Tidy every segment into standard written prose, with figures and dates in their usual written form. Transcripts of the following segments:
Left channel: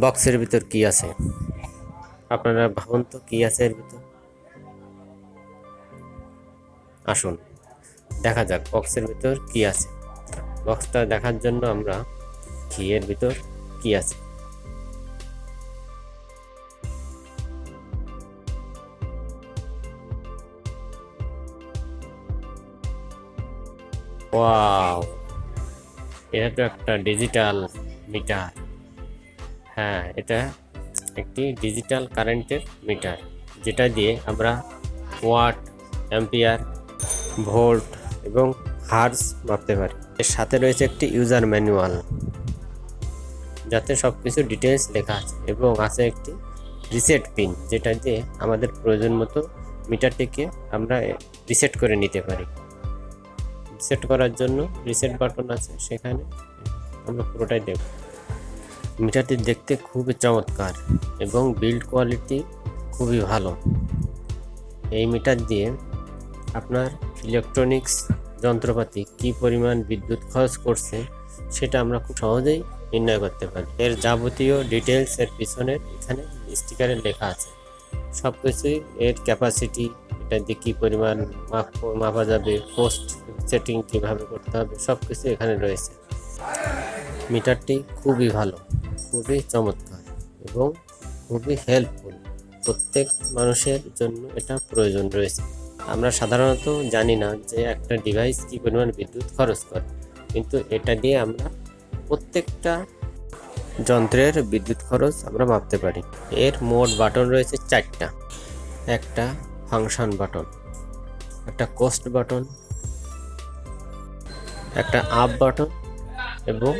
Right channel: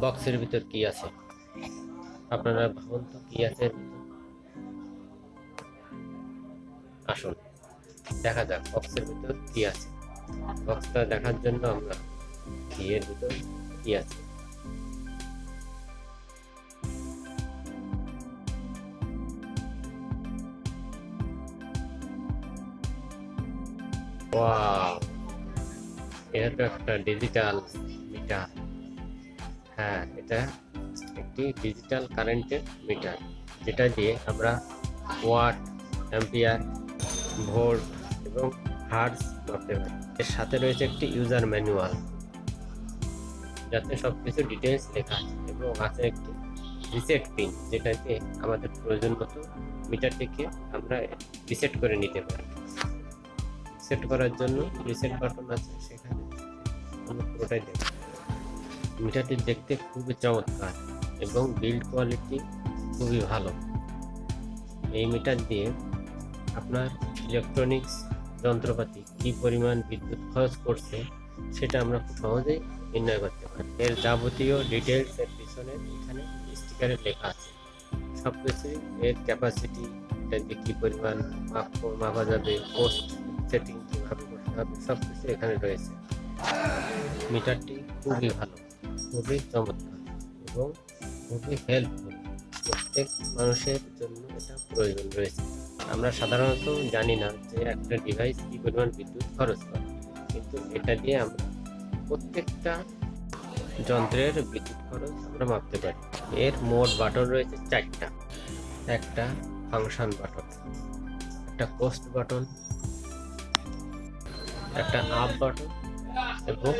বক্সের ভিতর কি আছে আপনারা ভাবুন তো কি আছে এর ভিতর। আসুন দেখা যাক বক্সের ভিতর কি আছে। বক্সটা দেখার জন্য আমরা কি এর ভিতর কি আছে। ওয়াও, এটা তো একটা ডিজিটাল মিটার। হ্যাঁ, এটা একটি ডিজিটাল কারেন্টের মিটার, যেটা দিয়ে আমরা ওয়াট, অ্যাম্পিয়ার, ভোল্ট এবং হার্জ মাপতে পারি। এর সাথে রয়েছে একটি ইউজার ম্যানুয়াল, যাতে সব কিছু ডিটেলস লেখা আছে, এবং আছে একটি রিসেট পিন, যেটা দিয়ে আমাদের প্রয়োজন মতো মিটারটিকে আমরা রিসেট করে নিতে পারি। রিসেট করার জন্য রিসেট বাটন আছে, সেখানে আমরা পুরোটাই দেখব। মিটারটি দেখতে খুবই চমৎকার এবং বিল্ড কোয়ালিটি খুবই ভালো। এই মিটার দিয়ে আপনার ইলেকট্রনিক্স যন্ত্রপাতি কি পরিমাণ বিদ্যুৎ খরচ করছে সেটা আমরা খুব সহজেই নির্ণয় করতে পারি। এর যাবতীয় ডিটেলস এর পিছনে এখানে স্টিকারে লেখা আছে। সব কিছুই, এর ক্যাপাসিটি, এটা দিয়ে কী পরিমাণ মাপা যাবে, পোস্ট সেটিং কীভাবে করতে হবে, সব কিছু এখানে রয়েছে। মিটারটি খুবই ভালো, খুবই চমৎকার এবং খুবই হেল্পফুল। প্রত্যেক মানুষের জন্য এটা প্রয়োজন রয়েছে। আমরা সাধারণত জানি না যে একটা ডিভাইস কী পরিমাণ বিদ্যুৎ খরচ করে, কিন্তু এটা দিয়ে আমরা প্রত্যেকটা যন্ত্রের বিদ্যুৎ খরচ আমরা মাপতে পারি। এর মোট বাটন রয়েছে 4টা। একটা ফাংশন বাটন, একটা কোস্ট বাটন, একটা আপ বাটন এবং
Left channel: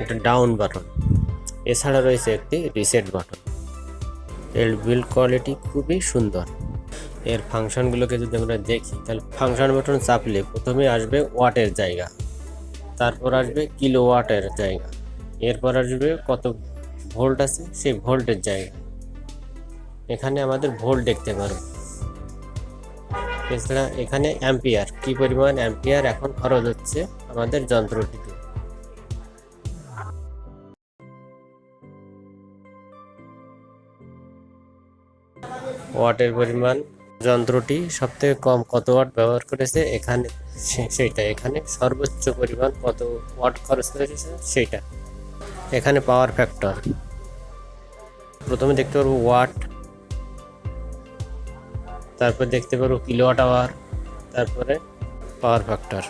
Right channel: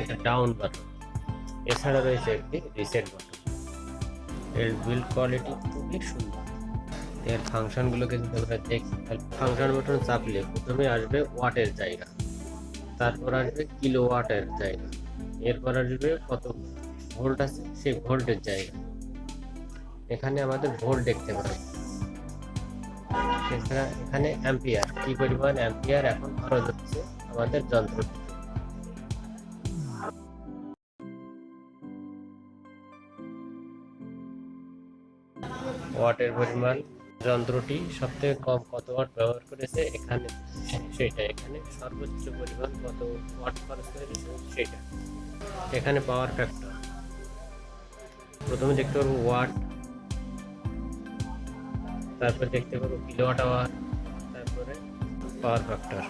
একটা ডাউন বাটন। এছাড়া রয়েছে একটি রিসেট বাটন। এর বিল্ড কোয়ালিটি খুবই সুন্দর। এর ফাংশনগুলোকে যদি আমরা দেখি, তাহলে ফাংশন বাটন চাপলে প্রথমে আসবে ওয়াটের জায়গা, তারপর আসবে কিলোওয়াটের জায়গা, এরপর আসবে কত ভোল্ট আছে সেই ভোল্টের জায়গা। এখানে আমাদের ভোল্ট দেখতে পারো। এছাড়া এখানে অ্যাম্পিয়ার, কি পরিমাণ অ্যাম্পিয়ার এখন খরচ হচ্ছে আমাদের যন্ত্রটিতে। ওয়াটের পরিমাণ, যন্ত্রটি সবথেকে কম কত ওয়াট ব্যবহার করেছে এখানে সেইটা, এখানে সর্বোচ্চ পরিমাণ কত ওয়াট খরচ করেছে সেইটা। এখানে পাওয়ার ফ্যাক্টর, প্রথমে দেখতে পারবো ওয়াট, তারপর দেখতে পারবো কিলোওয়াট আওয়ার, তারপরে পাওয়ার ফ্যাক্টর।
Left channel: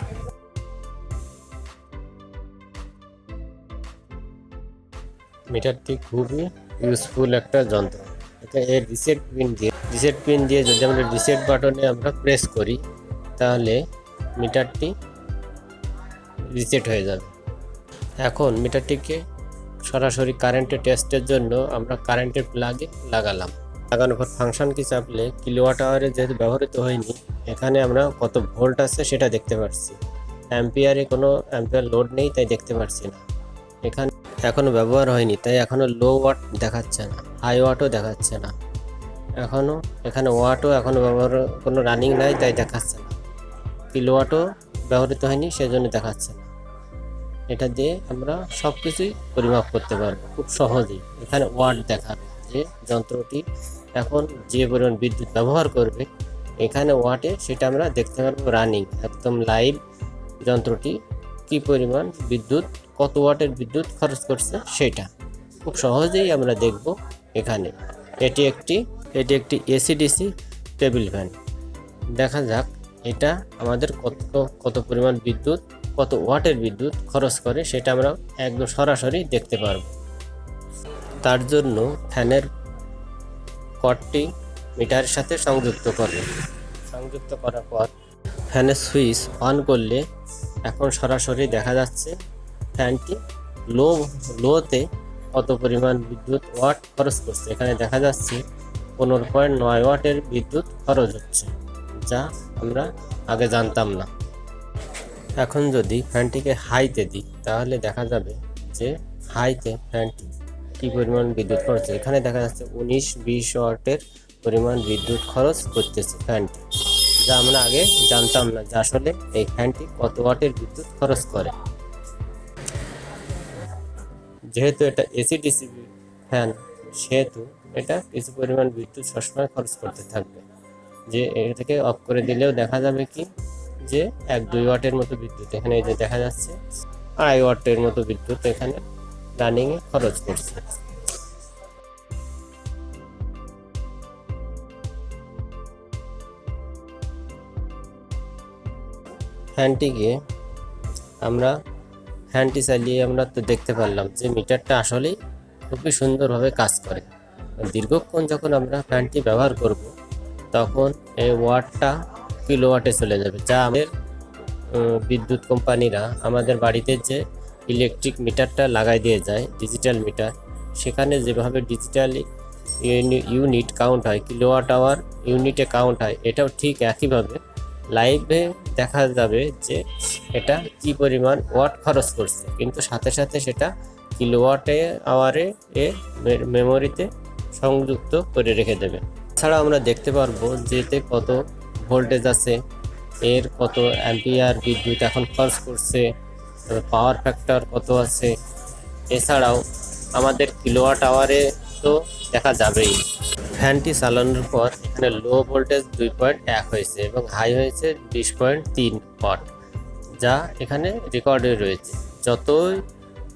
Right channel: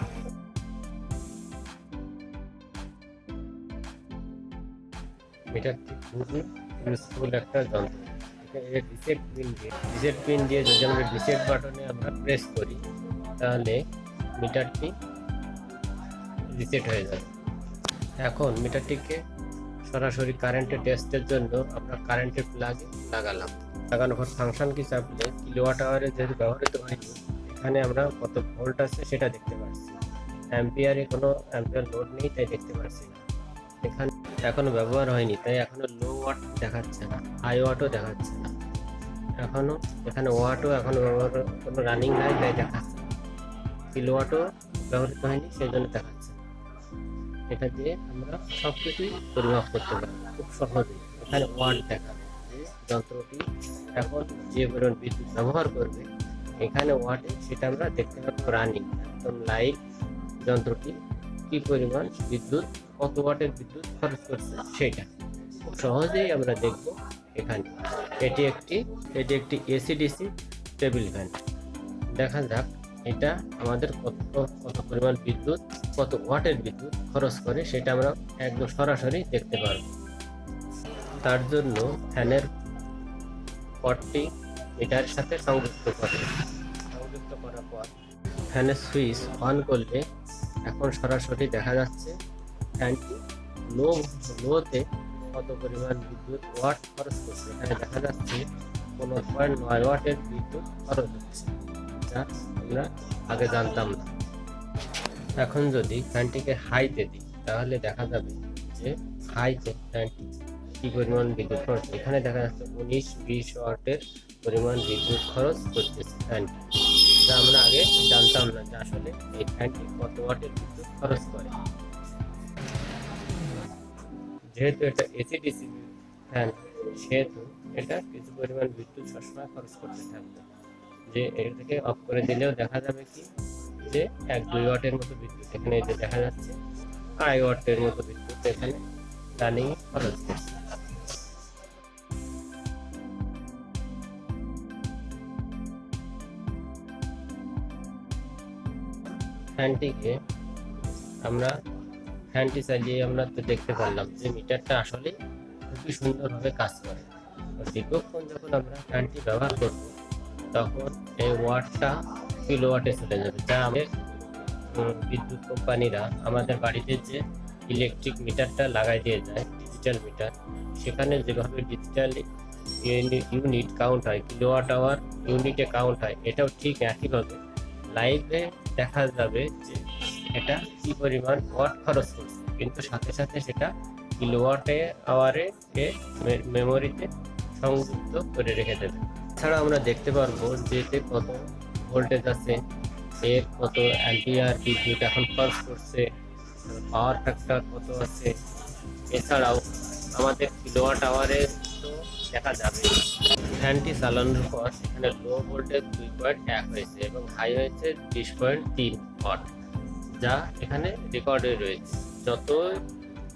মিটারটি খুবই ইউজফুল একটা যন্ত্র। এটা এর রিসেট পিন দিয়ে যদি আমরা রিসেট বাটনে আমরা প্রেস করি, তাহলে মিটারটি রিসেট হয়ে যাবে। এখন মিটারটিকে সরাসরি কারেন্টের টেস্টের জন্য আমরা কারেন্টের প্লাগে লাগানোর পর ফাংশন কি চাপলে কিলোওয়াট আওয়ারে যেহেতু ব্যবহৃত হয়নি, এখানে আমরা কত ভোল্ট আছে সেটা দেখতে পাচ্ছি। অ্যাম্পিয়ারে কোনো অ্যাম্পিয়ার লোড নেই, তাই দেখতে পাচ্ছি না। এখানে এখনো ব্যবহার হয়নি, তাই এখনো লো ওয়াট দেখাচ্ছে না, হাই ওয়াটও দেখাচ্ছে না। এখানে ওয়াটও এখনো ব্যবহার কোনো রানিং নাই, তাই দেখাচ্ছে না। কিলোওয়াটও ব্যবহৃত হয়নি, সেজন্য দেখাচ্ছে না। এটা দিয়ে আমরা সব কিছুই পরিমাপ করতে পারবো খুব সহজেই। এখানে ওয়াট দেখাবে যে যন্ত্রটি এখন যে পরিমাণ বিদ্যুৎ ব্যবহার করবে, এখানে ওয়াটে সেটা আমরা দেখতে পারবো রানিং, একদম লাইভ যন্ত্রটি কি পরিমাণ বিদ্যুৎ, কত ওয়াটের বিদ্যুৎ খরচ করছে সেটা খুব সহজেই আমরা দেখব এখানে। এটি একটি এসি/ডিসি টেবিল ফ্যান। দেখা যাক এটা আমাদের কত পরিমাণ বিদ্যুৎ, কত ওয়াটের বিদ্যুৎ খরচ করে সেটা আমরা একদম সরাসরি দেখতে পারব। তার জন্য ফ্যানের কর্ডটি মিটারের সাথে সংযুক্ত করার পর ফ্যানের সুইচ অন করলে এখন সরাসরি দেখা যাচ্ছে ফ্যানটি লোতে কত পরিমাণ বিদ্যুৎ ওয়াট খরচ করছে। এখানে দেখা যাচ্ছে 15.9 ওয়াটের বিদ্যুৎ খরচ হচ্ছে, যা আমরা আগে জানতাম না। এখন যদি ফ্যানটিকে হাইতে দিই, তাহলে দেখা যাবে যে হাইতে ফ্যানটি কী পরিমাণ বিদ্যুৎ খরচ। এখানে দেখা যাচ্ছে 19-20 ওয়াটের পরিমাণ বিদ্যুৎ খরচ করতেছে ফ্যানটি, যা আমরা আগে জানতাম না যে আসলে এই ফ্যানটি কত ওয়াটের বিদ্যুৎ খরচ করে। যেহেতু এটা এসি ডিসি ফ্যান, সেহেতু এটা কিছু পরিমাণ বিদ্যুৎ সবসময় খরচ করতে থাকবে। যে এটা থেকে অফ করে দিলেও দেখা যাবে কি যে 1-2 ওয়াটের মতো বিদ্যুৎ এখানে এই যে দেখা যাচ্ছে 2.5 ওয়াটের মতো বিদ্যুৎ এখানে রানিংয়ে খরচ করছে। ফ্যানটিকে আমরা ফ্যানটি চালিয়ে আমরা তো দেখতে পারলাম যে মিটারটা আসলেই খুবই সুন্দরভাবে কাজ করে। দীর্ঘক্ষণ যখন আমরা ফ্যানটি ব্যবহার করব তখন এই ওয়াটটা কিলোওয়াটে চলে যাবে, যা আমাদের বিদ্যুৎ কোম্পানিরা আমাদের বাড়িতে যে ইলেকট্রিক মিটারটা লাগাই দিয়ে যায়, ডিজিটাল মিটার, সেখানে যেভাবে ডিজিটাল ইউনিট কাউন্ট হয়, কিলোওয়াট আওয়ার ইউনিটে কাউন্ট হয়, এটাও ঠিক একইভাবে লাইভে দেখা যাবে যে এটা কি পরিমাণ ওয়াট খরচ করছে, কিন্তু সাথে সাথে সেটা কিলোওয়াটে আওয়ারে মেমোরিতে সংযুক্ত করে রেখে দেবে। এছাড়া আমরা দেখতে পারবো যে এতে কত ভোল্টেজ আছে, এর কত অ্যাম্পিয়ার বিদ্যুৎ এখন খরচ করছে, পাওয়ার ফ্যাক্টর কত আছে। এছাড়াও আমাদের কিলোওয়াট আওয়ারে তো দেখা যাবেই। ফ্যানটি চালানোর পর এখানে লো ভোল্টেজ 2.1 হয়েছে এবং হাই হয়েছে 20.3 ওয়াট, যা এখানে রেকর্ডে রয়েছে। যতই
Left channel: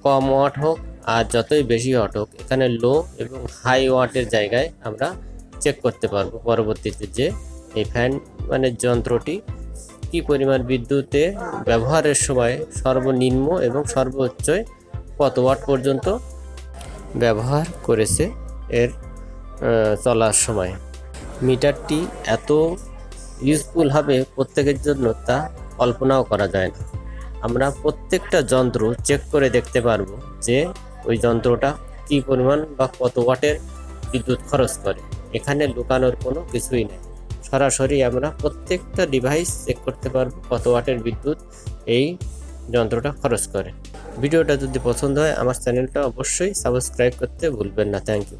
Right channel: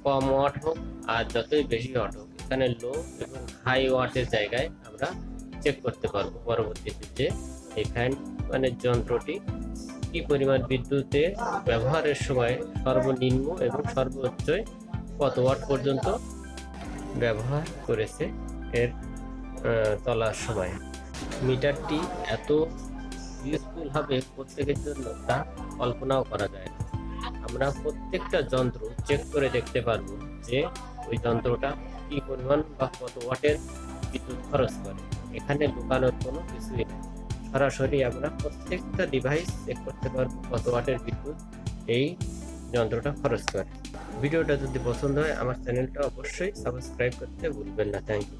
কম ওয়াট হোক আর যতই বেশি ওয়াট হোক, এখানে লো এবং হাই ওয়াটের জায়গায় আমরা চেক করতে পারবো পরবর্তীতে যে এই ফ্যান মানে যন্ত্রটি কি পরিমাণ বিদ্যুতে ব্যবহারের সময় সর্বনিম্ন এবং সর্বোচ্চ কত ওয়াট পর্যন্ত ব্যবহার করেছে এর চলার সময়। মিটারটি এত ইউজফুল হবে প্রত্যেকের জন্য তা কল্পনাও করা যায় না। আমরা প্রত্যেকটা যন্ত্র চেক করে দেখতে পারবো যে ওই যন্ত্রটা কী পরিমাণ বা কত ওয়াটের বিদ্যুৎ খরচ করে। এখানে লুকানোর কোনো কিছুই নেই, সরাসরি আমরা প্রত্যেকটা ডিভাইস চেক করতে পারবো কত ওয়াটের বিদ্যুৎ এই যন্ত্রটা খরচ করে। ভিডিওটা যদি পছন্দ হয় আমার চ্যানেলটা অবশ্যই সাবস্ক্রাইব করতে ভুলবেন না। Thank you.